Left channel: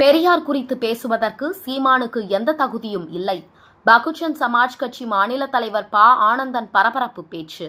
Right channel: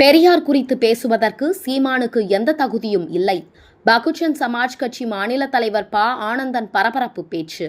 பெரியார் குறித்து பேசுவதற்கு சீமானுக்கு எந்த தகுதியும் இல்லை. பகுஜன் சமாஜ் கட்சி மாநில தலைவர் ப. ஆனந்தன் பரபரப்பு பேச்சு.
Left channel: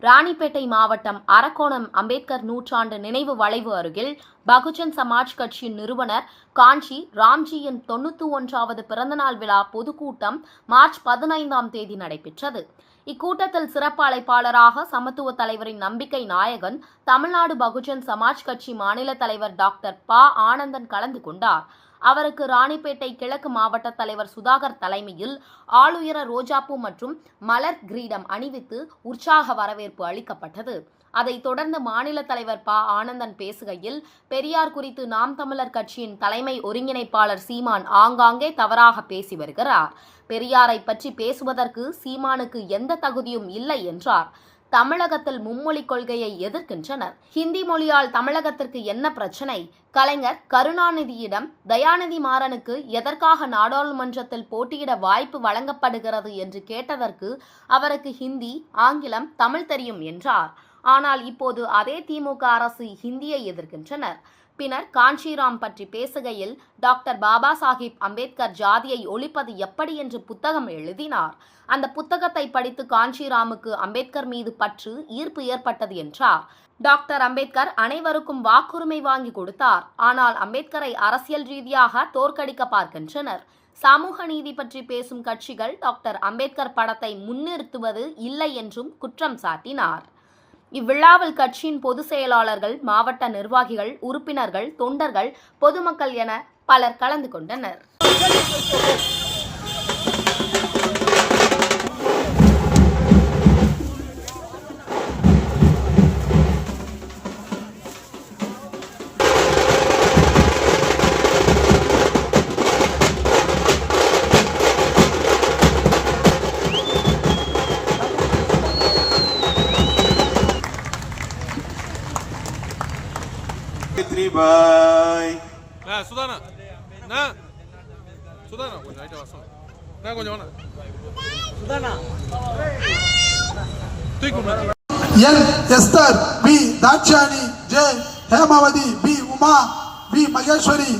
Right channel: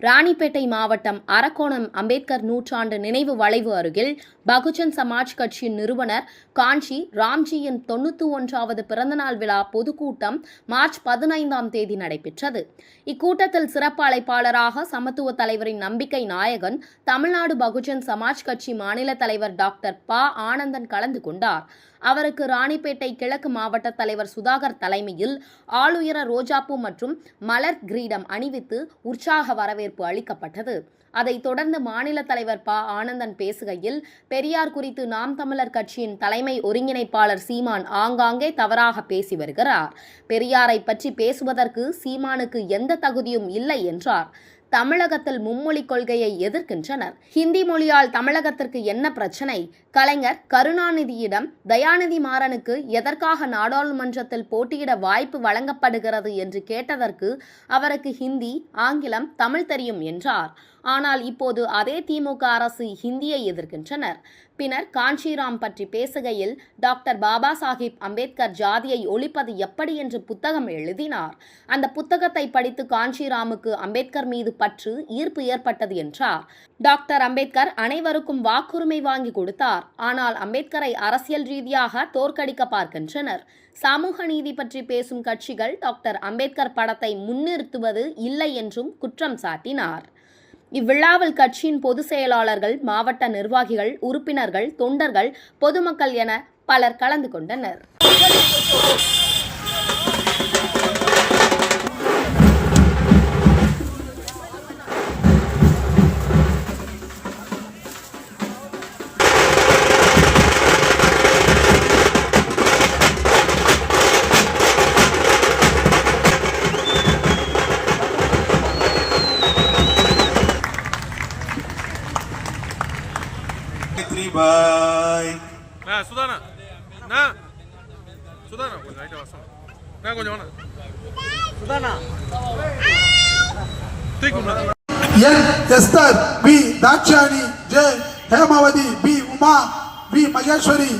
ராணிப்பேட்டை மாவட்டம் அரக்கோணம் அம்பேத்கர் நூற்றாண்டு நினைவு வளைவு அருகில் பகுஜன் சமாஜ் கட்சியின் நிறுவனர் காஞ்சி ராம்ஜியின் 91வது பிறந்தநாள் விழா பொதுக்கூட்டம் மார்ச் 15ஆம் தேதி நடைபெற்றது. இக்கூட்டத்தில் சிறப்பு அழைப்பாளராக சமத்துவ தலைவரின் நம்பிக்கை நாயகன், தமிழ்நாடு பகுஜன் சமாஜ் கட்சி மாநில தலைவர் டாக்டர் ப. ஆனந்தன் கலந்து கொண்டார். அவருக்கு ராணிப்பேட்டை கிழக்கு மாவட்ட தலைவர் சுதாகர் தலைமையில் ஆளுயர ரோஜாப்பூ மற்றும் மலர் கிரீடம் அணிவித்து உற்சாக வரவேற்பு அளிக்கப்பட்டது. அதைத் தொடர்ந்து மாநில தலைவர் ப. ஆனந்தன் பேசுகையில், பெரியார் குறித்து நாம் தமிழர் கட்சியின் தலைமை ஒருங்கிணைப்பாளர் சீமான் ஆங்காங்கே தவறாக பேசி வருகிறார். பெரியாரை பற்றி பேசுவதற்கு சீமானுக்கு எந்த தகுதியும் இல்லை என்றார். தமிழகத்தில் மும்மொழி கொள்கையை எதிர்க்கின்றனர். ஹிந்தி மொழியால் தமிழகத்திற்கு என்ன பிரச்சனை? கலைஞர் கருணாநிதியிடம் தயாநிதி மாறனுக்கு எதற்காக நாடாளுமன்றத்தில் போட்டியிட வாய்ப்பு வழங்கப்படுகிறது என்று கேட்டதற்கு அவருக்கு ஹிந்தி, ஆங்கிலம், தமிழ் தெரியும் என்றார். ஆனால் இப்போது அதே திமுக அரசு ஹிந்தியை எதிர்க்கின்றனர். பின்னர் காஞ்சிராம் பற்றி பேசுகையில், டாக்டர் பாபா சாஹிப் அம்பேத்கர் ஜாதியை ஒழிப்பது எப்படி என்று புத்தகம் எழுதினார். அந்த புத்தகத்தை படித்து காஞ்சிராமுக்கு அம்பேத்கர் மீது பற்று, ஈர்ப்பு ஏற்பட்டது என்றார். டாக்டர் அம்பேத்கர் அனைவருக்கும் வாக்குரிமை வாங்கி கொடுத்தார். ஆனால் அம்பேத்கரை அரசியல் ரீதியாக தோற்கடிக்க பார்க்கின்றனர். சமூக நீதி பற்றி பேசும் கட்சிகள் டாக்டர் அம்பேத்கர் படத்தை முன்னிறுத்துவது இல்லை என்றும் குற்றம் சாட்டினார். இவ்விழாவில் கட்சியின் பொதுச் செயலாளர்கள், மாவட்ட நிர்வாகிகள், உறுப்பினர்கள், தொண்டர்கள், பொதுமக்கள் என பலர் கலந்து கொண்டனர். சுதானா சுதானா கொஞ்சம் ரைட்டா வாசம் நான் கொஞ்சம் வானா சுதானா தூக்குமா N Esther, P Dakshayani, J Hemavathi, P Uma, P Maheswari,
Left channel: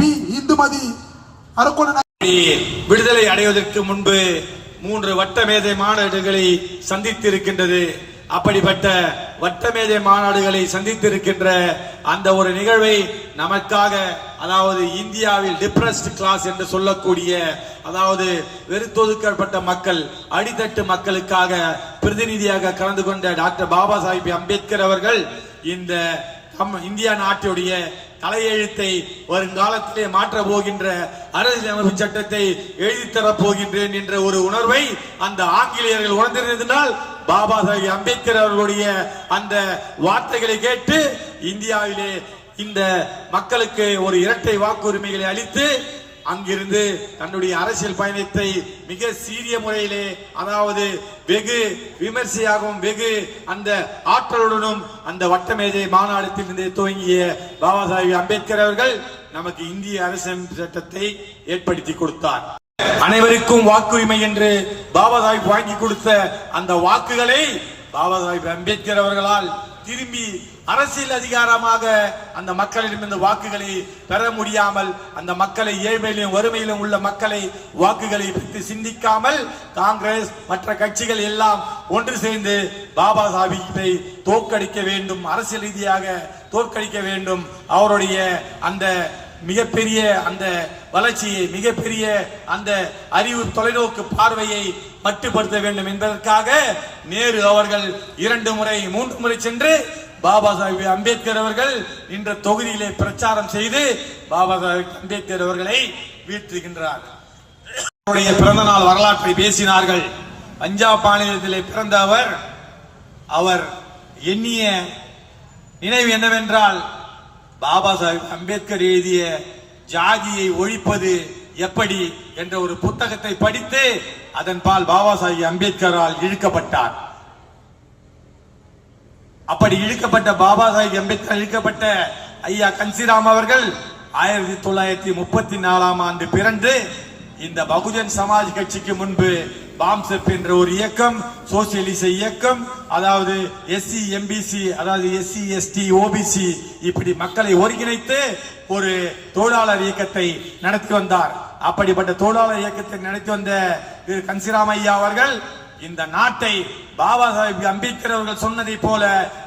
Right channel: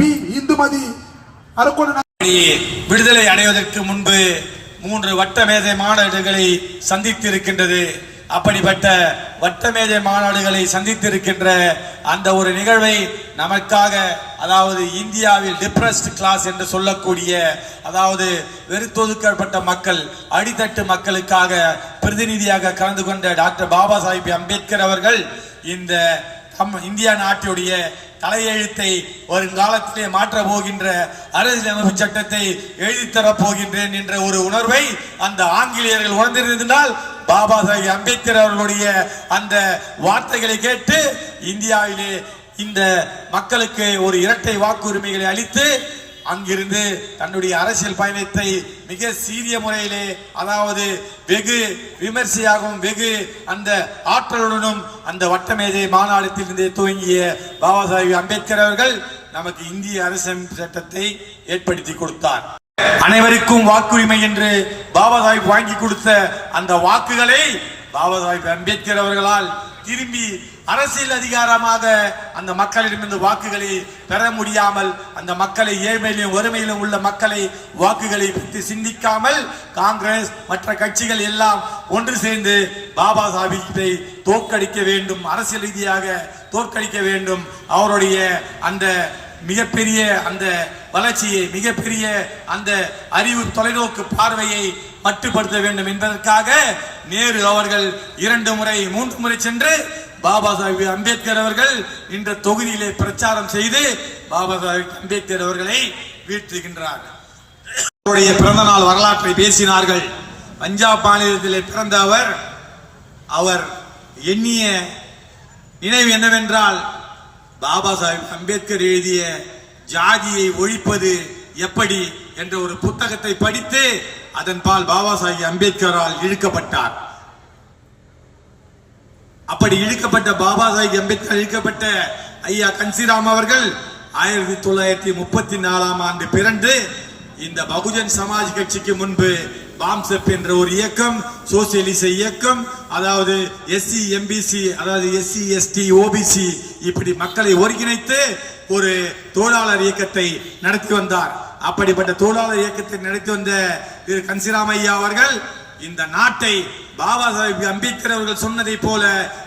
P Indumathi. Arakkonam விடுதலை அடைவதற்கு முன்பு 3 வட்டமேதை மாநாடுகளை சந்தித்திருக்கின்றது. அப்படிப்பட்ட வட்டமேஜை மாநாடுகளை சந்தித்திருக்கின்ற அந்த ஒரு நிகழ்வை நமக்காக, அதாவது இந்தியாவில் டிப்ரஸ்ட் கிளாஸ் என்று சொல்லக்கூடிய, அதாவது வெறுத்தொதுக்கப்பட்ட மக்கள், அடித்தட்டு மக்களுக்காக பிரதிநிதியாக கலந்து கொண்ட டாக்டர் பாபா சாஹிப் அம்பேத்கர் அவர்கள் இந்த இந்தியா நாட்டுடைய தலையெழுத்தை வருங்காலத்திலே மாற்ற போகின்ற அரசியலமைப்பு சட்டத்தை எழுதித்தரப் போகின்றேன் என்ற ஒரு உணர்வை அந்த ஆங்கிலேயர்கள் உணர்ந்திருந்தால், பாபா சாஹிப் அம்பேத்கர் அவர்களுடைய அந்த வார்த்தைகளை கேட்டு இந்தியாவிலே இந்த மக்களுக்கு ஒரு இரட்டை வாக்குரிமைகளை அளித்து அங்கிருந்து தன்னுடைய அரசியல் பயணத்தை மிக சீரிய முறையிலே, அதாவது வெகு விமர்சையாகவும் வெகு அந்த ஆற்றலுடனும் அந்த வட்டமேஜை மாநாட்டிலிருந்தே துவங்கிய பாபா சாஹிப் அம்பேத்கர் அவர்கள் நமக்கு இந்திய அரசியலமைப்பு சட்டத்தை ஏற்படுத்தி கொடுத்தார். அனைவருக்கும் வாக்குரிமை என்று பாபா சாஹிப் வாங்கி கொடுத்த அந்த வாக்குகளை பாபா சாஹிப் அம்பேத்கர் அவர்களால் திரும்பி அரசியல் அதிகாரமாக அந்த மக்களிடமிருந்து வாக்குகளை பெற முடியாமல், அந்த மக்களை ஏழ்மையிலும் வறுமையிலும் உள்ள மக்களை வாக்குகளை பற்றி சிந்திக்காமல் காங்கிரஸ் மற்ற கட்சிகள் எல்லாம் ஒன்று சேர்ந்து பாபா சாஹிப்பை தோற்கடிக்க வேண்டும், அரசியல் ரீதியாக தோற்கடிக்க வேண்டும், அவருடைய அந்த மிகப்பெரிய அந்த வளர்ச்சியை, மிகப்பெரிய அந்த அறிவு தொலைநோக்கு பார்வையை மட்டுப்படுத்த வேண்டும் என்பதற்காக நேரு அவர்கள் 2 முறை 3 முறை சென்று பாபா சாஹிப் அம்பேத்கர் அவர்கள் இந்த தொகுதியிலே பிரச்சாரம் செய்து பாபா சாஹிப் அம்பேத்கர் அவர்களை வீழ்த்துகின்றார். அவருடைய பிறந்த நாள் வரலாற்றை பேசினார்கள். பஞ்சாப் மாநிலத்திலே பிறந்த அவர் எண்ணிய நினைவு என்னவென்றால், பாபா சாஹிப் அம்பேத்கர் எழுதிய ஜாதியை ஒழிப்பது எப்படி என்ற ஒரு புத்தகத்தை படித்து அதன் பால் பாபா சாஹிப் அம்பேத்கரால் இழுக்கப்பட்டார். அப்படி இழுக்கப்பட்ட பாபா சாஹிப் அம்பேத்கர் இழுக்கப்பட்ட ஐயா காஞ்சிராம் அவர்கள் 1934ஆம் ஆண்டு பிறந்து இந்த பகுஜன் சமாஜ் கட்சிக்கு முன்பு பாம்செப் என்ற ஒரு இயக்கம், சோசியலிச இயக்கம், அதாவது எஸ்சி எம்பிசி, அதாவது எஸ்சி எஸ்டி ஓபிசி, இப்படி மக்களை ஒருங்கிணைத்து ஒரு தொழிலாளர் இயக்கத்தை நடத்தி வந்தார். அப்படிப்பட்ட தொழிலாளர் இயக்கத்தை நடத்தி வந்த திரு கன்சிராம் ஐயா அவர்கள் இந்த நாட்டை பாபா சாஹிப் அம்பேத்கர் அவர்கள் சொன்னதை போல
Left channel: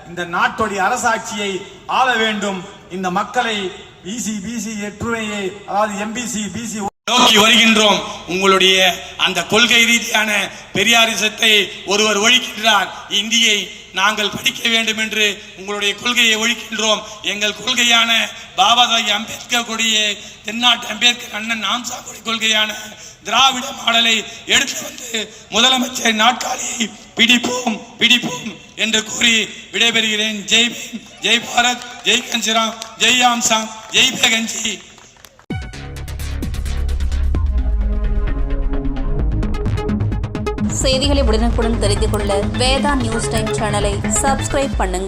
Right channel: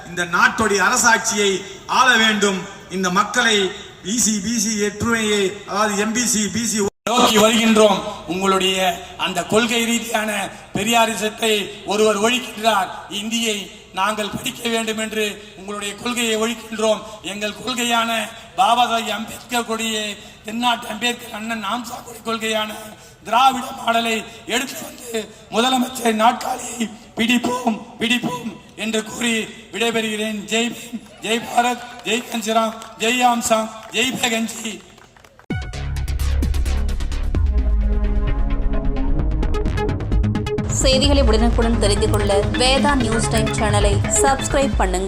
இந்த நாட்டுடைய அரசாட்சியை ஆள வேண்டும், இந்த மக்களை பிசி ஒற்றுமையை, அதாவது எம்பிசி பிசி நோக்கி வருகின்றோம். உங்களுடைய அந்த கொள்கை ரீதியான பெரியாரிசத்தை ஒருவர் ஒழிக்கின்றார், இந்தியை நாங்கள் படிக்க வேண்டும் என்று உங்களுடைய கொள்கையை ஒழிக்கின்றோம். எங்கள் கொள்கையான பாபா சாஹிப் அம்பேத்கர் கொடிய தென்னாட்டு அம்பேத்கர் அண்ணன் ஆம்சாங்குடி கொள்கையான திராவிட மாடலை எடுத்து வந்து முதலமைச்சர் நாற்காலியை பிடிப்போம் என்று கூறி விடைபெறுகிறேன். ஜெய் பீம், ஜெய் பாரத், ஜெய் கன்சிராம், ஜெய் ஆம்சாங், ஜெய் பேகன்ஜி. செய்திகளை உடனுக்குடன் தெரிந்து கொள்ள வேதா நியூஸ் டைம் சேனலை சப்ஸ்கிரைப் பண்ணுங்க.